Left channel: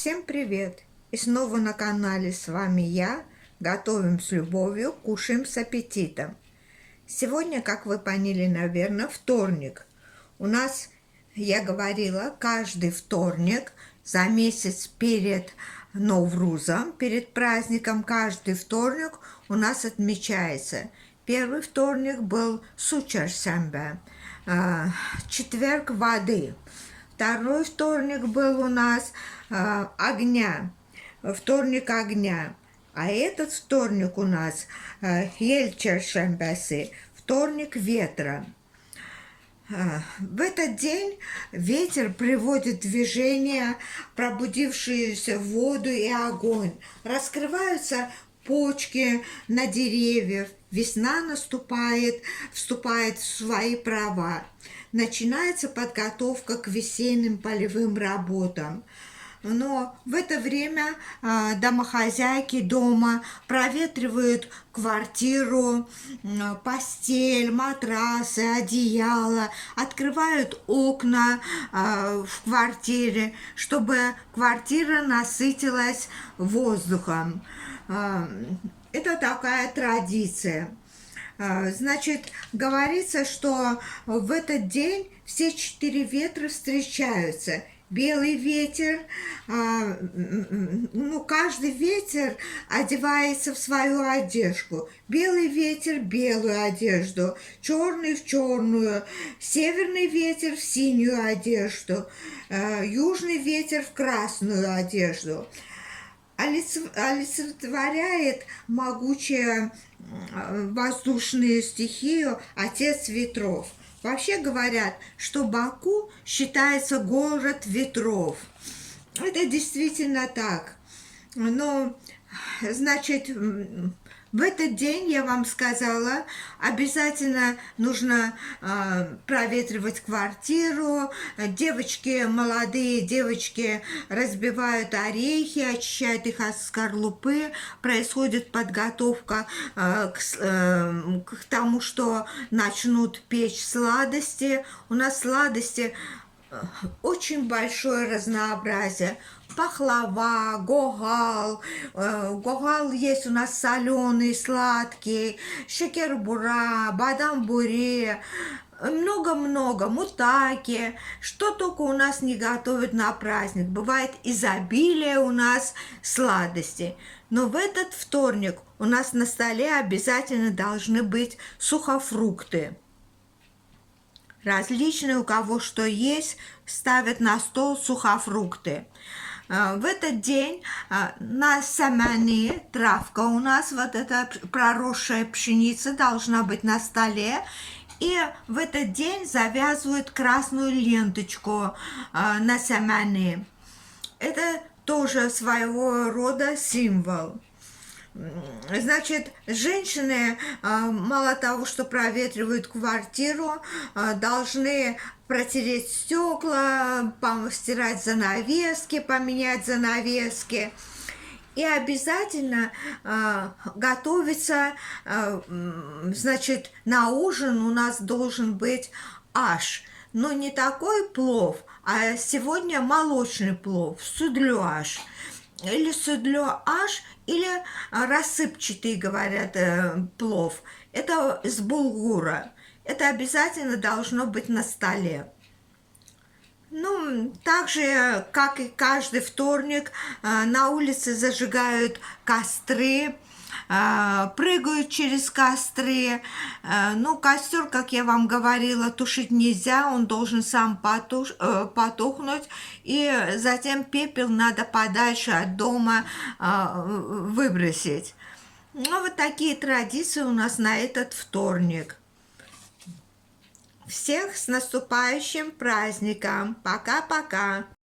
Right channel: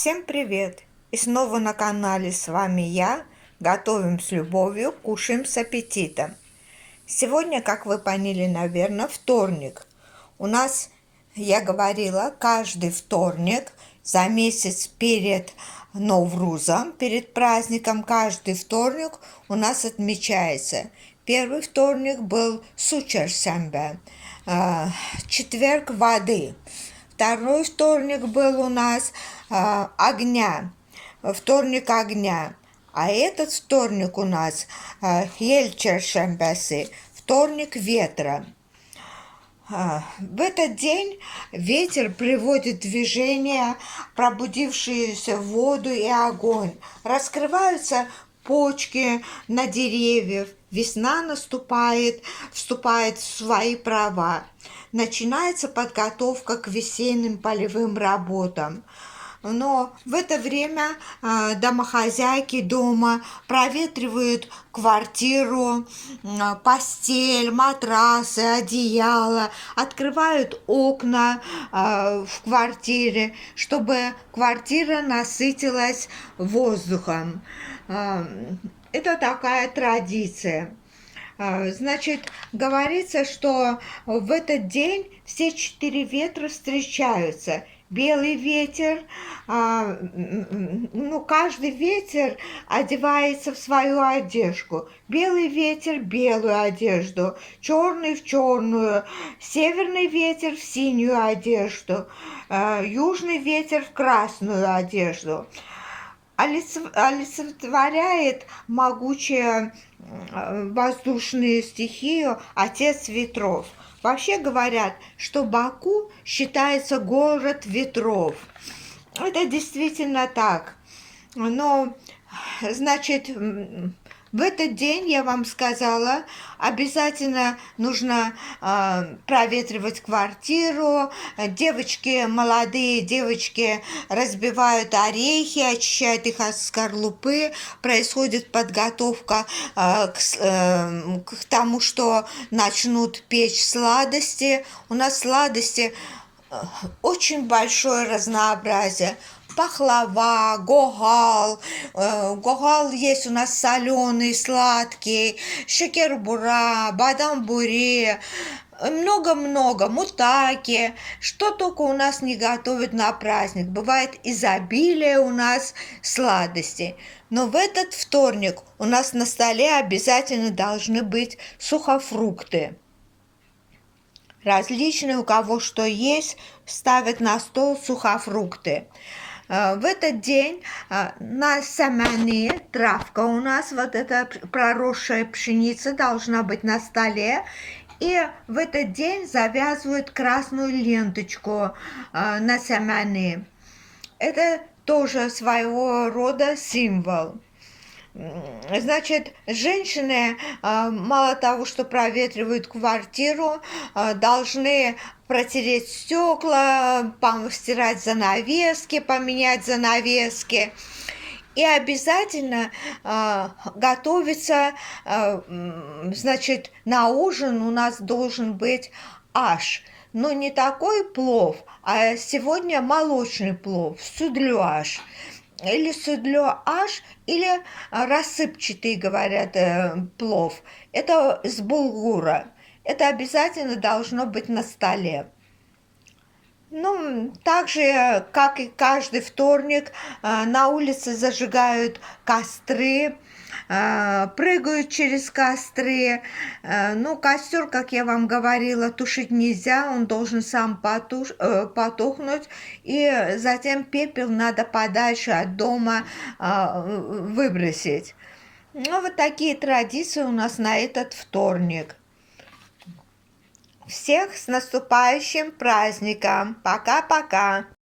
Всем привет! И снова на канале с вами я. Готовим с любовью, кушаем с аппетитом. Сегодня, как вы поняли, наверное, вторник. У нас, я говорила, каждый вторник за месяц перед Новрузом, перед праздником, каждый вторник у нас отмечается. Первый вторник был Сучаршембе, четверг воды. Второй вторник был у нас вторник огня. А этот вторник у нас Елчершембеси, вторник ветра. В этот день ветер приводит в движение пробудившуюся воду и огонь. Раскрываются почки на деревьях. Весна наступает, вступает в свои права. Начинается подготовка к весенним полевым работам. Но в это время домохозяйки дома проветривают квартиру, постель, матрасы, одеяло, открывают окна в квартире, чтобы квартира насытилась воздухом. Это такая традиция. Значит, говорится, что в этот день все 4 ветра встречаются. Белый ветер, каждый ветер одевается в свою одежду. Белый ветер – белую одежду, черный – в черную, северный ветер – в синюю одежду, южный ветер – в красную одежду. Олицетворяет могучую воздушную стихию отец ветров. Вообще говорят, что Баку считается город ветров. Это действительно так. Но, значит, в этот день, я вам сказала, обязательно нужно проветривать квартиру. Девочки, молодые девочки разбивают орехи, очищают их от скорлупы. Происходит подготовка к тому, что начнут печь сладости. У нас сладости очень большое разнообразие. Пахлава, гогал. Гогал есть у нас соленый, сладкий, шекер-бура, бадам-буре, много-много, мутаки. Что только у нас не готовят на праздник. Бывает изобилие у нас сладостей. Но в этот вторник у нас на столе обязательно должны быть сухофрукты. Различные, у кого что есть, ставят на стол сухофрукты. В этот день на самане травка у нас, вот эта проросшая пшеница должна быть на столе. И в этот день завязывают красную ленточку на самане. Это тоже своего рода символ. Значит, женщины, мало того, что проветривают квартиру, должны протереть стекла, постирать занавески, поменять занавески. И обязательно готовиться, значит, на ужин у нас должен быть аш. Но не такой плов, а сегодня молочный плов, судлюаш. Или судлюаш, или рассыпчатый, говорят, плов. Это с булгура. Это обязательно должно быть на столе. Ну, так же, как и каждый вторник, на улице зажигают костры, прыгают через костры. Ну, костер, как я вам говорила, тушить нельзя, он должен сам потухнуть, и затем пепел надо подальше от дома выбросить. Ну, вот такие традиции у нас на этот вторник. Всех с наступающим праздником! Пока-пока!